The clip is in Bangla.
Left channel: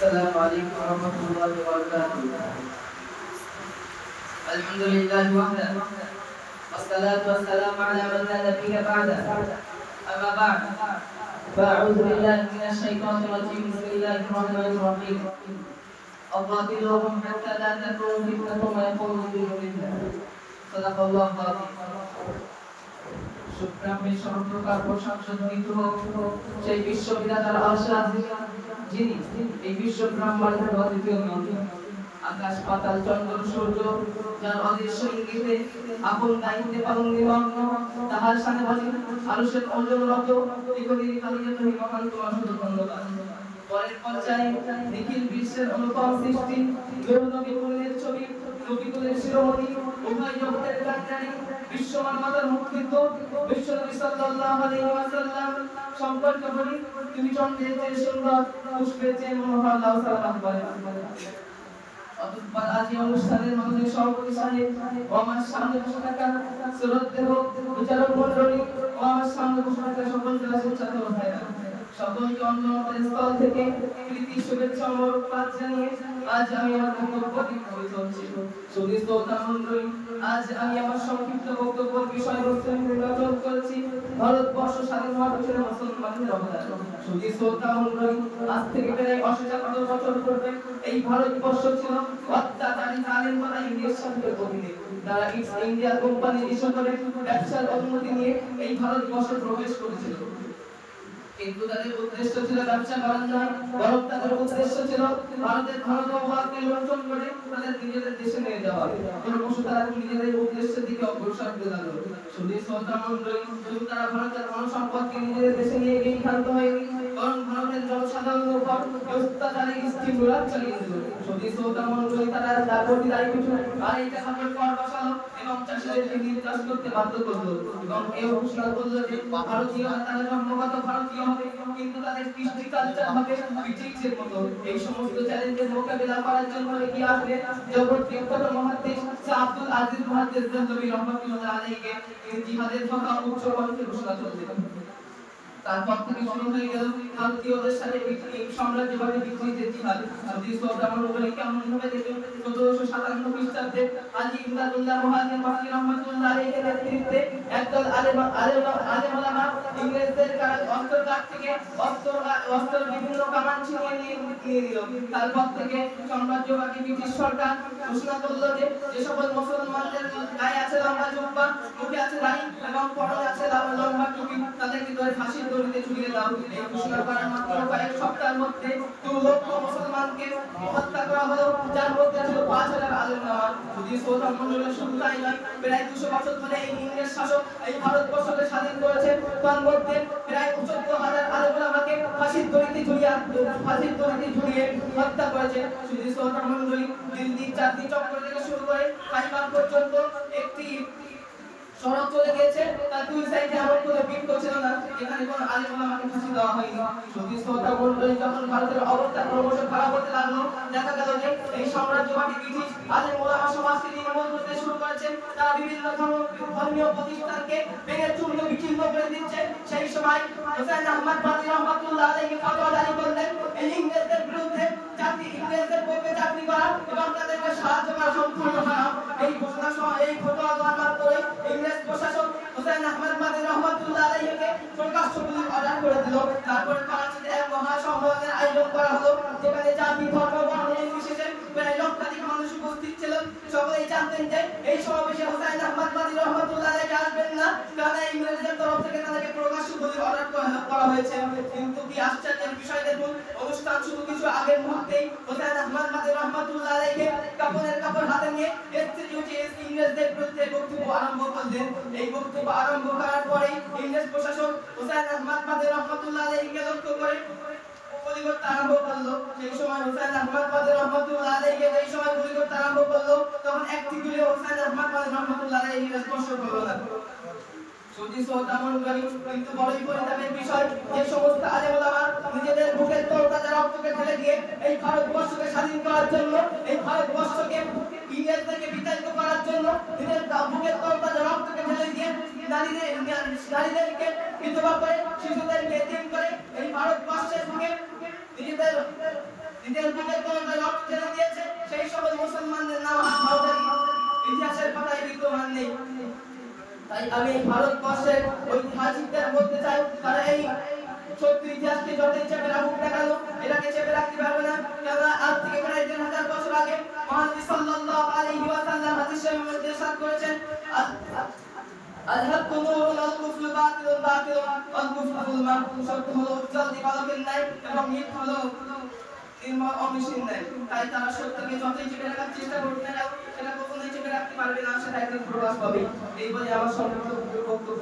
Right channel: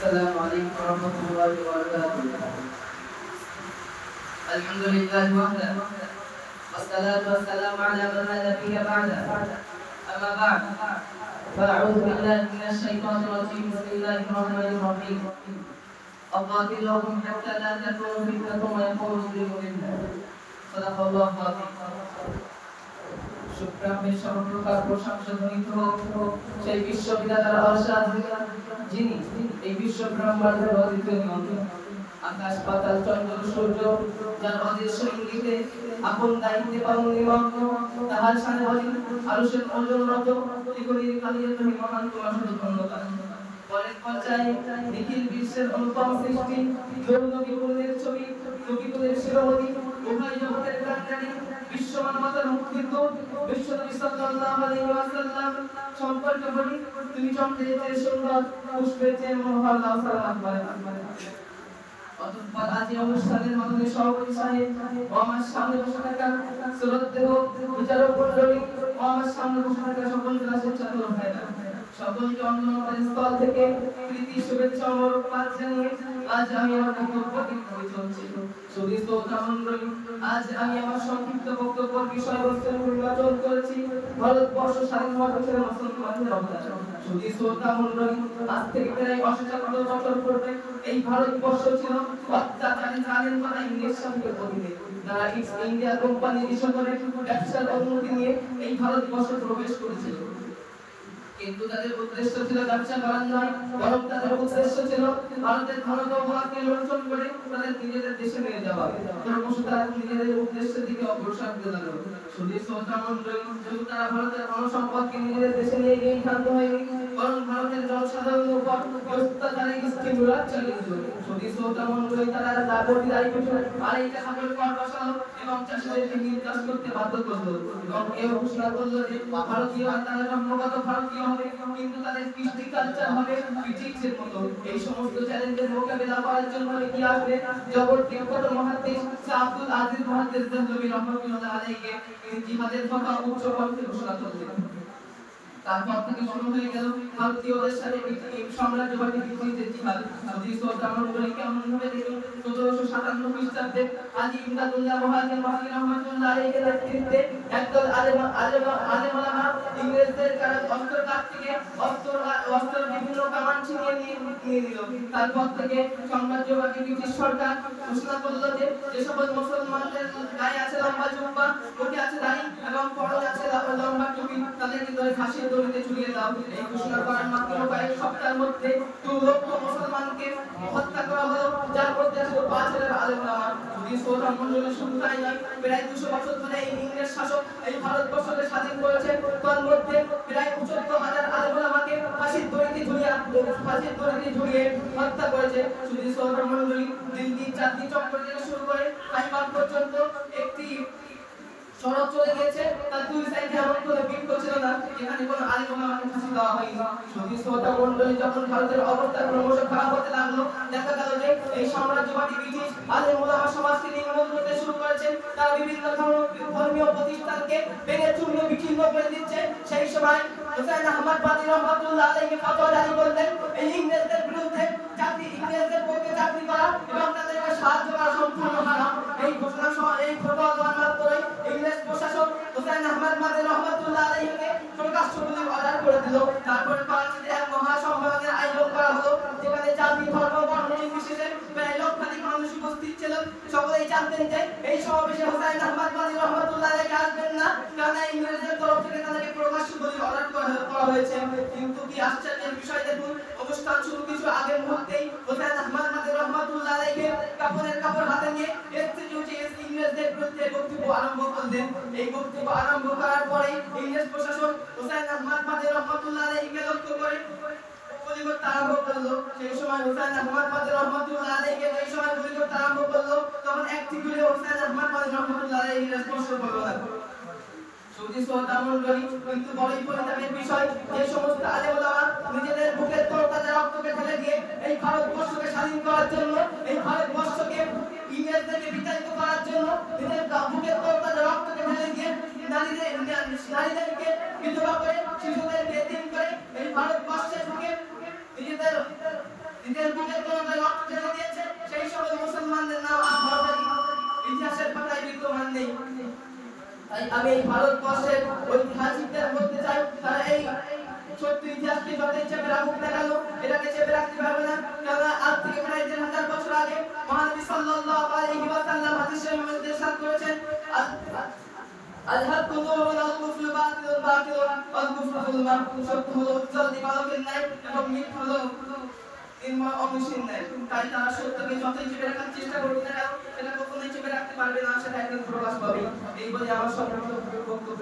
السلام عليكم ورحمة الله وبركاته. الحمد لله وحده والصلاة والسلام على من لا نبي بعده. أما بعد فأعوذ بالله من الشيطان الرجيم. بسم الله الرحمن الرحيم. أقاتلهم حتى لا تكون فتنة ويكون الدين لله. صدق الله العظيم. শুক্রামের সর্বপ্রকার প্রশংসা ধ্বনিত হোক সেই বিশ্ববিধাতার আশা যিনি এই বিশ্ব ব্রহ্মাণ্ডের অদ্বিতীয় নিয়ন্ত্রক। আকাশ পাতাল চন্দ্র সূর্য যার অদৃশ্য ইঙ্গিতে আপন দায়িত্বে পালন নিমগ্ন, তাহার সামনে বলেন আরশের অঞ্জনরত এগুলির কালিয়ে তুমি মহান তোমার শুধু ধন্যবাদ। পরের পর্যায়ে নিখিল বিশ্বের অনুপম সৃষ্টি নবী কুলের ছবি নবী কুলের শিরোমণি উভয় জগতের কান্ডারি বিশ্ব মানবতার মুক্তিত বিশ্বনবী সাল্লাল্লাহু আলাইহি ওয়াসাল্লাম সম্পর্কে বলি তুমি চন্দ্রের চেয়ে সুন্দর, পুষ্পের চেয়ে মনোহর, লাল সালাম আলাইহি। অতঃপর আজ এই অনুষ্ঠানের মাধ্যমে সভাপতি সাহেব ও আমার সামনে বসে থাকা শ্রদ্ধেয় বিচারক মণ্ডলী ও আমার সামনে বসে থাকা সকল ক্লাসের ছাত্র ভাইরা সকলকে অন্তরের স্থল থেকে প্রীতি শুভেচ্ছা ও মোবারকবাদ জানিয়ে আজ আমি আমার বক্তব্য দিতে চলছি। শুধু শ্রোতা মণ্ডলী, আজ আমি আমার সংক্ষিপ্ত বক্তব্যের বিষয়বস্তু নির্বাচন করেছি ভারতবর্ষ স্বাধীন হওয়ার পিছনে মুসলমানদের অবদান। শুধু শ্রোতা মণ্ডলী, আজ থেকে প্রায় ৭৮ বছর পূর্বে এই ভারতবর্ষ ছিল অত্যাচারী জালেম পাতা ইংরেজ শাসকের অধীনে। তারা ইস্ট ইন্ডিয়া কোম্পানি ইস্যু করে ব্যবসার অনুমতি নিয়ে এই ভারতবর্ষে প্রবেশ করেছিল। কিন্তু তাদের উদ্দেশ্য ছিল ব্যবসা করার নয়, বরং তাদের উদ্দেশ্য ছিল ভারতের ধনসম্পদকে লুণ্ঠন করে তাদের নিজেদের দেশে নিয়ে যাওয়া। ক্রমশ তারা নিজেদের উদ্দেশ্যের দিকে অগ্রসর হতে লাগলো। শুধু শ্রোতা মণ্ডলী, শুধু তারা ভারতের ধনসম্পদকে নিজেদের দেশে নিয়ে গিয়ে ক্ষান্ত হয়নি, বরং ভারতের জনসাধারণের উপর অত্যাচারী স্টিমুলার চালিয়ে দিল। শুধু শ্রোতা মণ্ডলী, তারা দাবি পিছু আর এই টাকা কর বসালো এবং চাষিদেরকে নির্যাস করতে বাধ্য করলো এবং এই ঘোষণা করলো যে ভারতীয় তারা জন্মগত ভারতীয় হবে, কিন্তু তাদের কৃষ্টি কালচার হবে ব্রিটিশের মতো। এই সমস্ত চ্যালেঞ্জের মোকাবিলা করার জন্য এগিয়ে আসবে জগৎ বিখ্যাত মহাদ্দেশ আব্দুল আজিজ মহাদ্দেশ দেহলভী রহমাতুল্লাহ আলাইহিকে জিহাদের কথা উচ্চ কণ্ঠে ঘোষণা করলেন। তারপর থেকে শুরু হয়ে গেল ভারতীয়দের সাথে এই সাম্রাজ্যবাদী বিদ্রোহের জিহাদ। যদি শ্রোতা মণ্ডলী কেমন ভাবে দেখুন, ১৭৫৭ খ্রিস্টাব্দে হাজী ইমদাদুল্লাহ মুহাজির মক্কি রহমাতুল্লাহ আলাইহির নেতৃত্বে একদল আলেম ওলামা ইংরেজদের অস্ত্রঘাত থেকে অস্ত্র বিভিন্ন কামান ছিনিয়ে নিয়ে নিল। তারপর থেকে সাম্রাজ্যবাদী ব্রিটিশ সরকার ঘোষণা করল যে সকল মুসলমানদের গায়ে আছে লম্বা জুব্বা, মুখে আছে দাড়ি এবং পরনে আছে লম্বা টুপি, তাদেরকে ধরে ফাঁসির দড়িতে ঝুলিয়ে দাও। এই ঘোষণা করার মাত্র কয়েক সপ্তাহের মধ্যে ২ লক্ষ মুসলমানকে হত্যা করা হলো, যার মধ্যে ছিল ৫,০০০ আলেম ওলামা। যদি শ্রোতা মণ্ডলী, শুধু তাই নয়, প্রায় ২০০ বছর ধরে এই ইংরেজ শাসক এই ভারতবর্ষকে স্বাধীন করেছে, তার মধ্যে প্রায় ৭৪,০০০ আলেম ওলামাকে ফাঁসির দড়িতে ঝুলিয়ে হত্যা করেছে। শুধু শ্রোতা মণ্ডলী, দিল্লি চাঁদনি চক্র থেকে শুরু করে খাইবার পর্যন্ত একটি শরৎ চলে গেছে, তার ২ সাইডে এমন কোনো বিক্ষোভ ছিল না এখানে কোনো আলেম ওলামাকে ফাঁসি দেওয়া হয়নি। শুধু শ্রোতা মণ্ডলী, যখন ভারতের অবস্থা ক্রমশ খারাপ হতে লাগলো, দেখা গেল যে এই সাম্রাজ্যবাদী ব্রিটিশ আলেম ওলামা সমাজকে নির্মূল করতে শুরু করেছে। তারা বিভিন্ন ধর্মীয় প্রতিষ্ঠানকে বেড়ে চূর্ণ বিচ্ছিন্ন করে দিচ্ছে। সেই সময় হোসেন আহমদ বাদী রহমাতুল্লাহ আলাইহি ফতোয়া জারি করলেন, এই ইংরেজদের বিরুদ্ধে ইংরেজদের পক্ষে চাকরি করা এবং তাদেরকে সাহায্য করা সম্পূর্ণ হারাম। এই ঘোষণা এই ফতোয়া দেওয়ার মাত্রই ইংরেজ প্রশাসক হোসেন আহমদ বাদী রহমাতুল্লাহ আলাইহিকে প্রকাশ্যগুলির অর্ডার করে দিল। তারপর করাচিতে এক মহাসম্মেলনের আয়োজন করা হলো, যেখানে জাতি ধর্ম বর্ণ নির্বিশেষে প্রায় লক্ষাধিক মানুষ উপস্থিত ছিলেন। সকলেই জানতেন যে এই সমাবেশে হোসেন আহমদ বাদী রহমাতুল্লাহ আলাইহি আসবেন না, কারণ ইংরেজদের তরফ থেকে তাদেরকে প্রকাশ্যগুলির অর্ডার করা হয়েছে। কিন্তু কি আশ্চর্যের বিষয় দেখুন, অনুষ্ঠান শুরু কিছু আগের মুহূর্তেই হোসেন আহমদ বাদী রহমাতুল্লাহ আলাইহি কাপড় হাতে নিয়ে ইংরেজদের বিরুদ্ধে বক্তব্য আরম্ভ করলেন। এই বক্তব্য আরম্ভ করার পরে ইংরেজ প্রশাসন হোসেন আহমদ বাদী রহমাতুল্লাহ আলাইহিকে লক্ষ্য করে গুলি করতে আরম্ভ করলো। সেই সময় হোসেন আহমদ বাদী রহমাতুল্লাহ আলাইহিকে যেই সময় গুলি করতে আরম্ভ করলো, তখন একটি গুলি হোসেন আহমদ বাদী রহমাতুল্লাহ আলাইহিকে স্পর্শ করলো না। শুধু শ্রোতা মণ্ডলী, কিন্তু বড়ই পরিতাপের বিষয়, যে সমস্ত আলেম ওলামা নিজেদের বুকের তরতাজা রক্তকে ঢেলে দিয়ে এই ভারতবর্ষকে স্বাধীন করার জন্য, এই ভারতবর্ষকে ইংরেজদেরকে বিতাড়িত করার জন্য নিজের বুকের তরতাজা রক্তকে ঢেলে দিয়ে নারীদেরকে বিধবা করে, শিশুদেরকে এতিম করে এই ভারতবর্ষের বুকে নিজেদের নিজের বুকের তলায় রক্ত ঢেলে দিয়েছে সেই সকল মুসলমানদের নাম ভারতের ইতিহাসের পাতায় বিদ্যমান নেই। তাই আমি এই ভারতবর্ষের ঐতিহাসিকদের বলতে চাই, তারা এই সত্য ইতিহাসকে যতই চেপে রাখুক না কেন, এটাকে চেপে রাখতে পারবে না। কারণ আজ থেকে প্রায় 3000 বছর আগে মহানবী সাল্লাল্লাহু আলাইহি ওয়াসাল্লাম হাদিস শরীফের মধ্যে ইরশাদ করেছেন, আল-হাক্কু নূরুন ওয়াল কুফরু বাতিলুন বাতিলুন ওয়াল কুফরু যুলমান। সত্য হলো উজ্জ্বল দিবালোকের ন্যায় এবং মিথ্যা হলো নির্মল অমসীম ন্যায়। তাই তারা সত্যকে যতই চেপে রাখার চেষ্টা করুক না কেন, সেটা কখনোই চেপে রাখতে পারবে না, সেটা একদিন প্রকাশ পাবে। এই বলে আমার সর্বোচ্চ বক্তব্য